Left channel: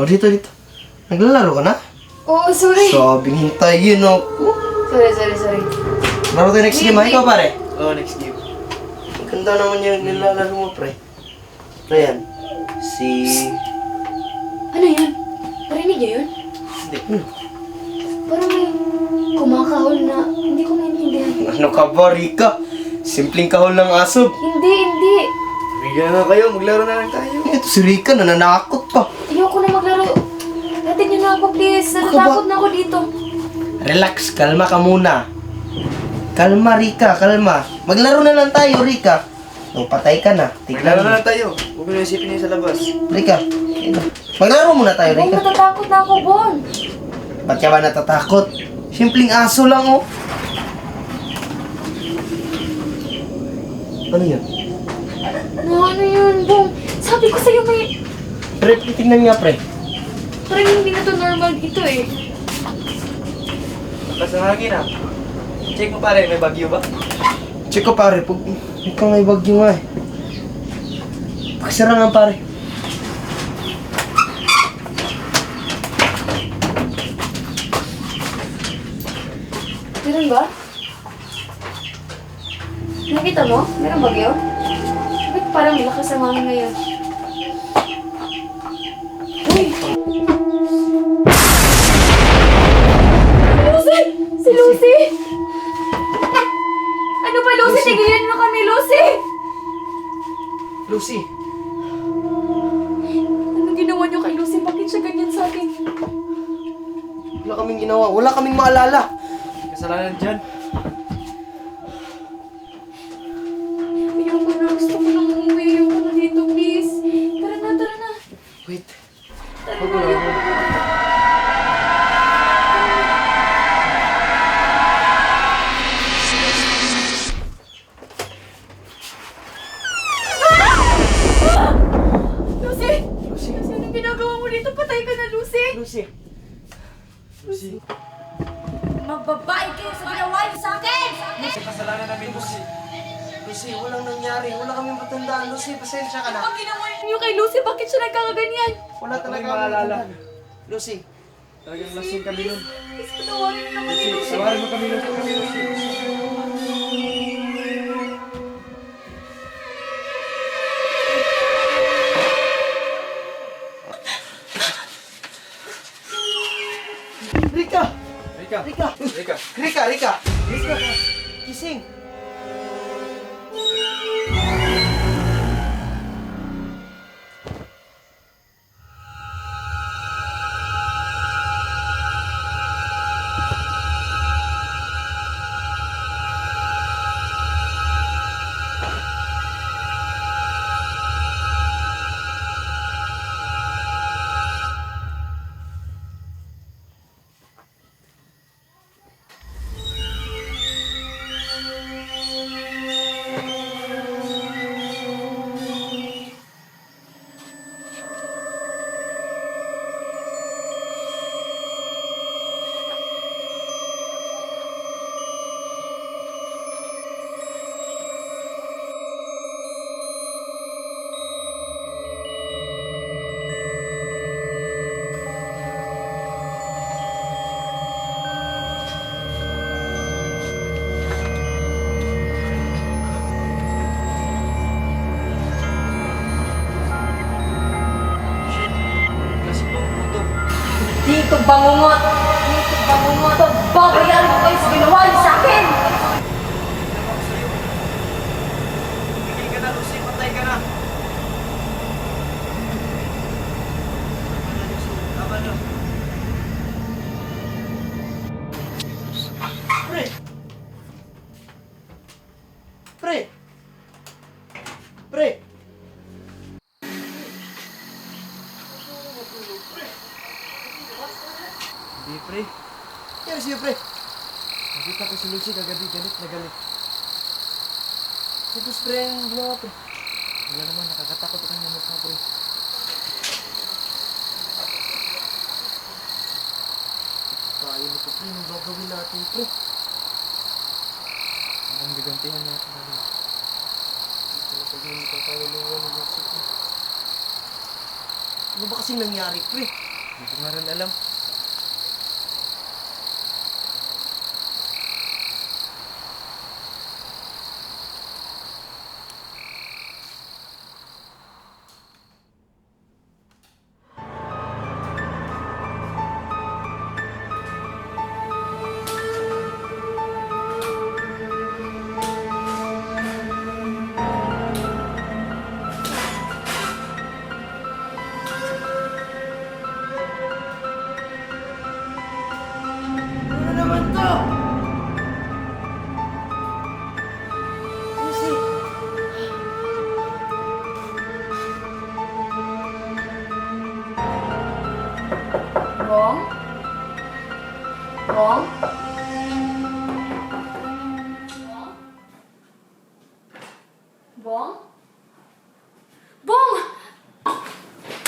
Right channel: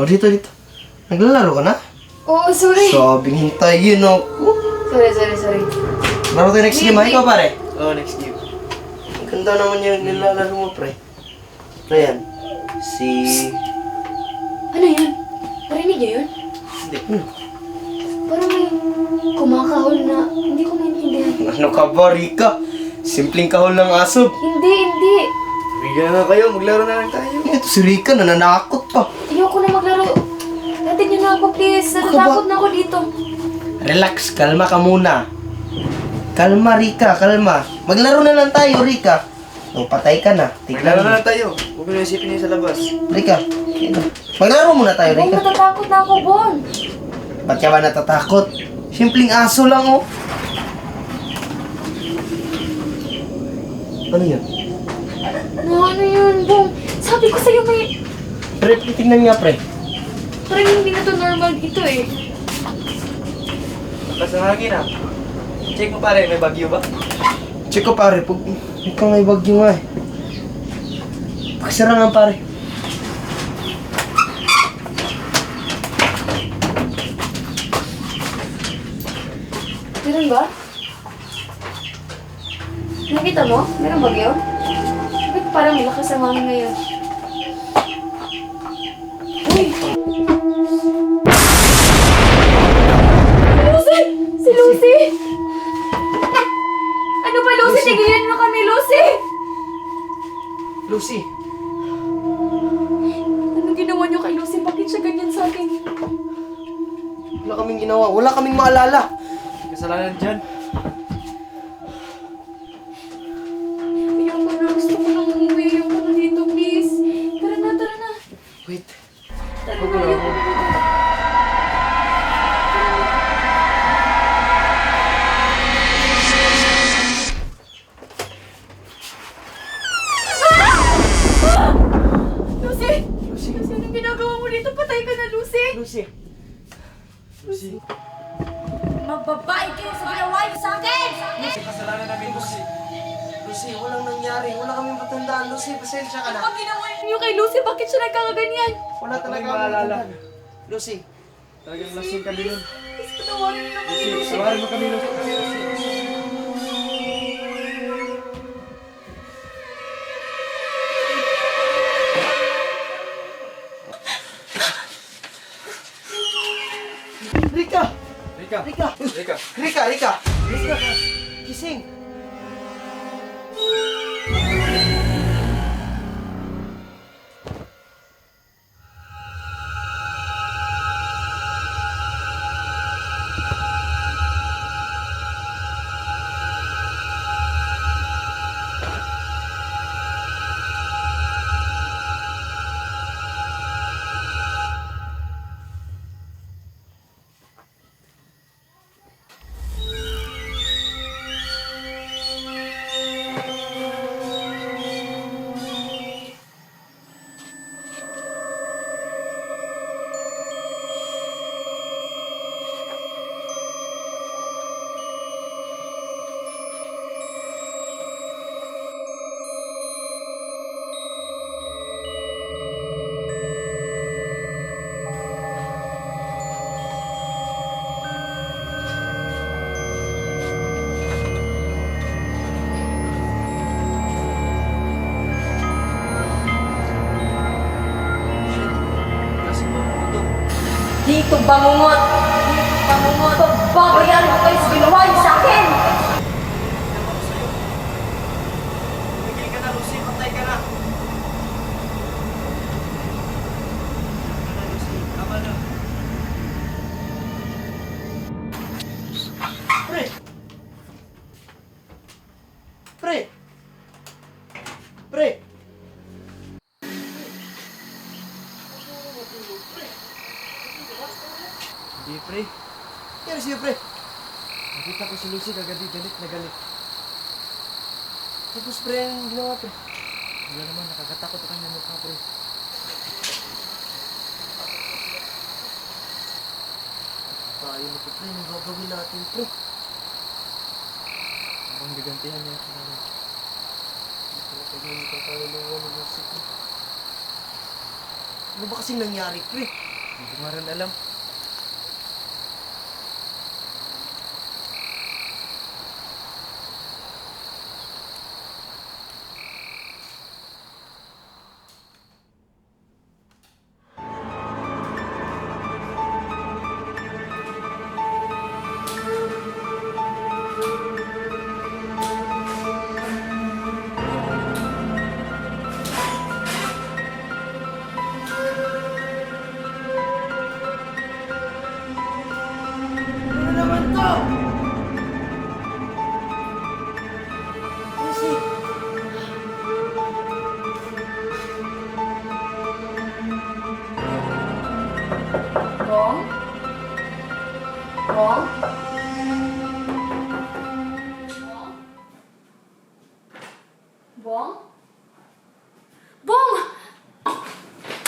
O, dito. Naglalaro ka na? Oo, sorry. Sabing hintayin ako. Sorry. Laro tayo next game, ha? Ikaw, pare? Oo, next game. Ang ganda naman yung nilalaro mo, pre. Ano yan? Ano yun? Parinig niyo yun? Hindi. Parang may kumakahol na hindi ko maintindihan. Ano ka ba, Rika? Simpleng kahol ng aso. Hindi. Bigyan na kayo, maglaro na lang tayo. Ito si Rika, nananakot pa. Ayoko na maglaro. Datin niyo na ako, please. Natatakot na ako dito. Relax, kalma ka muna. Kalma, Rika, kalma. Maglaro na lang tayo, Rika. O, patay ka na. Maglaro Tignan na mo. lang tayo. Huwag mo na isipin yun sa labas. Rika, ito. Maglaro muna tayo, Bon, Rika. natatakot na ako, Bon. Ba't ka ba natatakot? Simpleng aso lang, oh. Ano yan? Ano yun, Bon? Sabi ko sa'yo may... Pre, tingnan nga, pre. Parang hindi na to normal dito eh. Lakas ng hangin ah. Check mo pare, may bagyo ba? Check ko, pare. Pag ikaw may bagyo nga, eh. Pakisara nga, pare. Meron ba? Nakita mo? Meron bagyo? Bakit parang malakas ang hangin ngayon? Uy! Lucy! Si Lucy! Ano ba, Lucy? Tigilan mo kami, Lucy! Lucy. Anong ginawa niyo kay Lucy? Bakit siya ganyan sa akin? Wala kaming ginawa. Wala kaming maalala. Kasalanan dyan. Ayoko na. Gusto ko na umuwi. Ayoko na dito, please. Tara na. Wait. Tara Huwag na. na, Ayoko huwag. na. Lucy! Lucy. Lucy, anong ginagawa mo dito? Patay ka na, Lucy! Lucy. Lucy. Magbabae kayo sa ginawa niyo sa akin! Lucy, kasalanan namin Lucy. Lucy, walang nangyari. Wala kaming matandaan. Lucy, pasensya ka Ano na. ang ginawa niyo kay Lucy? Bakit siya nagkakaganyan? Wala talaga kaming kaming maalala. matandaan. Lucy. Talagang lasing kami nun. Please, patawarin mo na kami, Lucy, Lucy. sawarin mo kami Lucy. Rika! Rika. Rika! Rika. Rika! Gising! Shit. Kasi ba mo to? Dito bangungot! Babayaran ko kayo sa ginawa niyo sa akin! Ginawa ko sa'yo. Tumigil ka na Lucy, patay ka na. Tama na Lucy, tama na. Pre! Pre! Pre! Hindi pre. Kaya siya, pre. Nakita ko si Lucy kagabi, galit na galit. Tapos, pre, ang ginawa, pre. Wala naman, nakakatakot ang kanya mukha pre. Tayo nito, pre. Anong gagawin natin, pre? Parang gagantihan niya ako namin. Ito na pag-iinit ang kaluluwa ng musik, pre. Ano ba kasing nangyari, pre? Hindi ko nga rin alam. Ano na naman to? Lucy! Bong? Bong? Bong? Bong? Bong!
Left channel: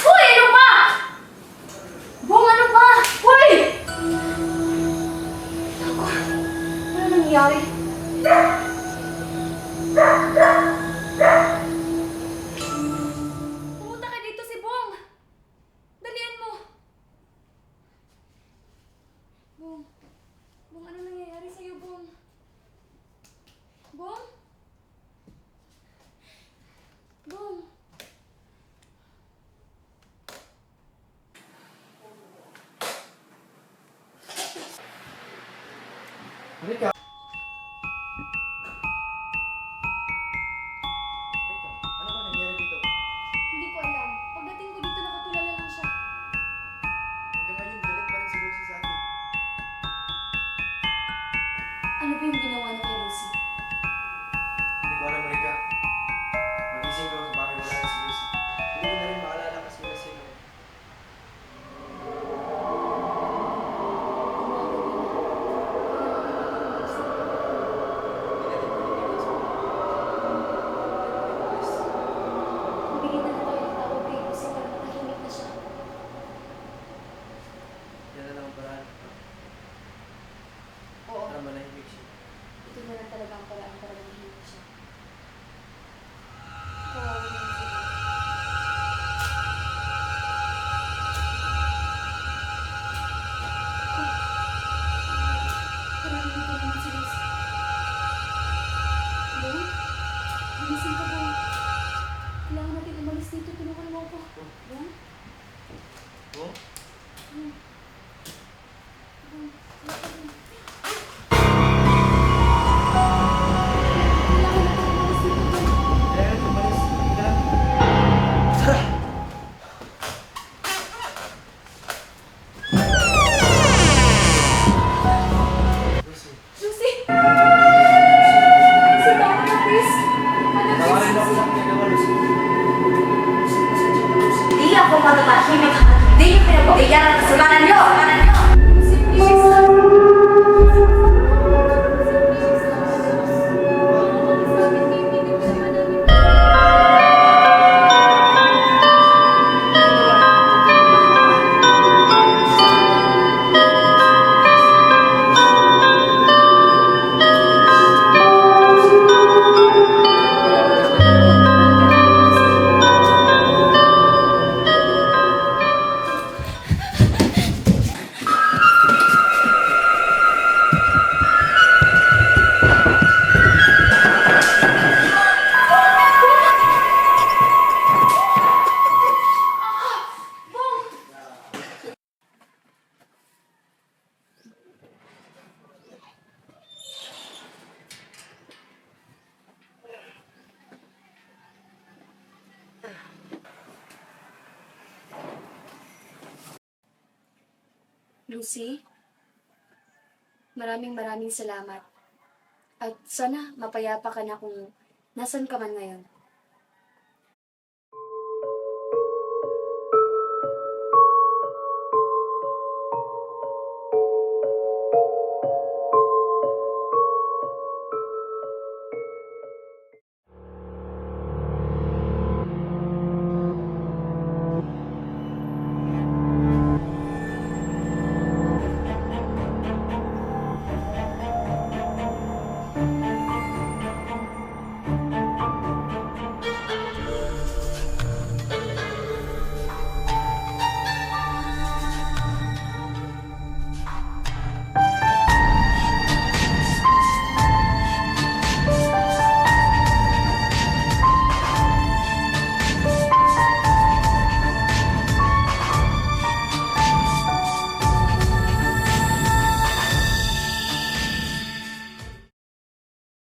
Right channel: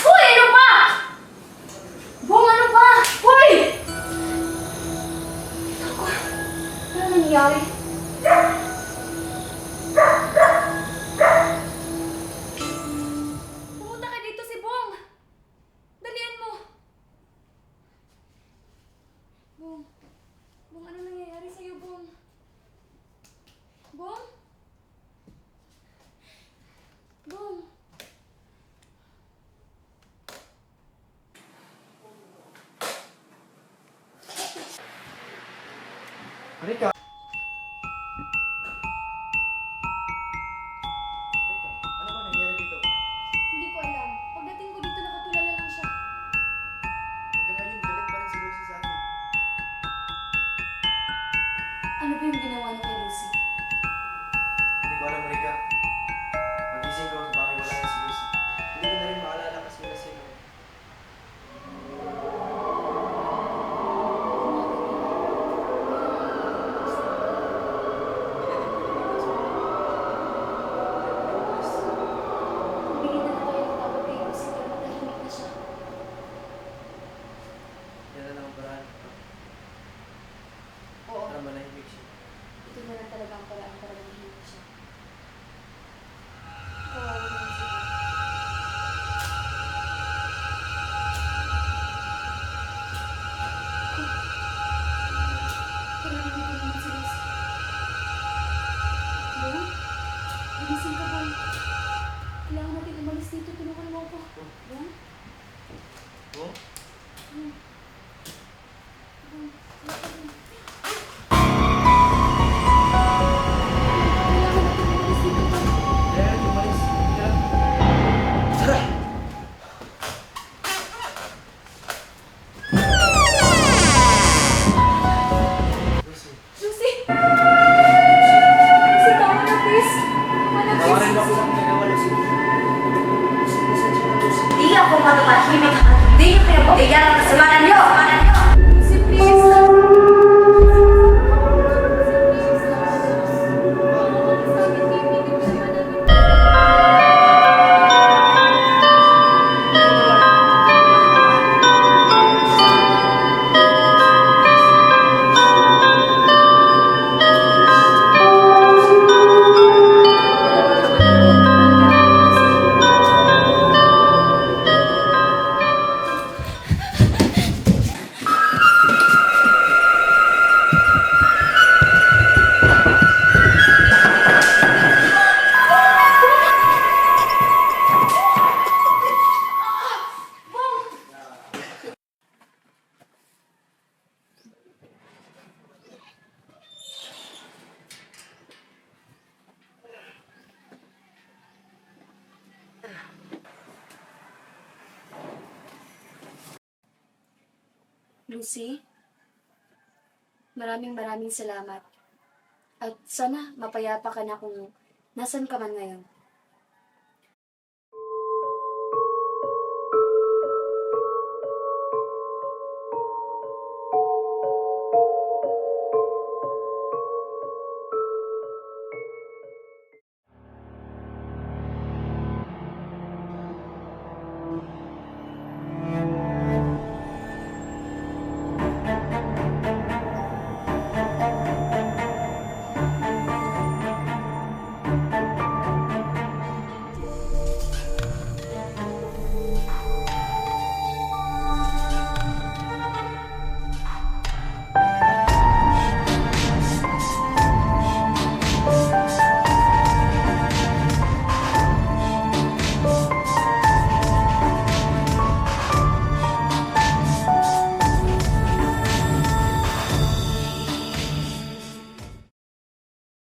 Uy, ano ba? Bong, ano ba? Uy! Ako, ano nangyayari? Pumunta ka dito si Bong! Dalian mo! Bong, Bong, ano nangyayari sa'yo, Bong? Bong? Bong? Rika! Rika, ano ba nangyari dito? Hindi ko alam. Pagdating ko dito, nakatulala lang siya. Hanggang ngayon, galit pa rin si Lucy sa atin. Ano ba yung ginawa niya kay Lucy? Hindi ko alam, Rika. Magising ko, bakit wala na si Lucy. Hindi ko na rin maalala kasi wala sila. Hindi natin pwede iwan sa mga. Bigyan na tayo ng tawag kay Lucy para matahimik na siya. Yan na lang ang paraan. Oo, Para manahimik siya. ito na lang talaga ang paraan para matahimik siya. Kawawa naman si Bong. Parang dito naman si Lucy. Bong? Gumising ka, Bong. Kailangan natin umalis dito. Tulungan mo ako. Bong? Oh? Bong? Bong? Kailangan natin umalis dito, Bong. Kaya natin umalis. Hindi ka lang. Tara! Lucy. Lucy! Lucy, tawa na, please. Tawarin mo ako sa ginagawa, Lucy. Lucy, pasensya na, Lucy. Hindi ako matatahimik hanggat hindi niyo pinagbigyan ang kasalanan niyo! Lucy, please. Lucy, maraming salamat. At sana mapayapa ka na kung nasan ka man ngayon.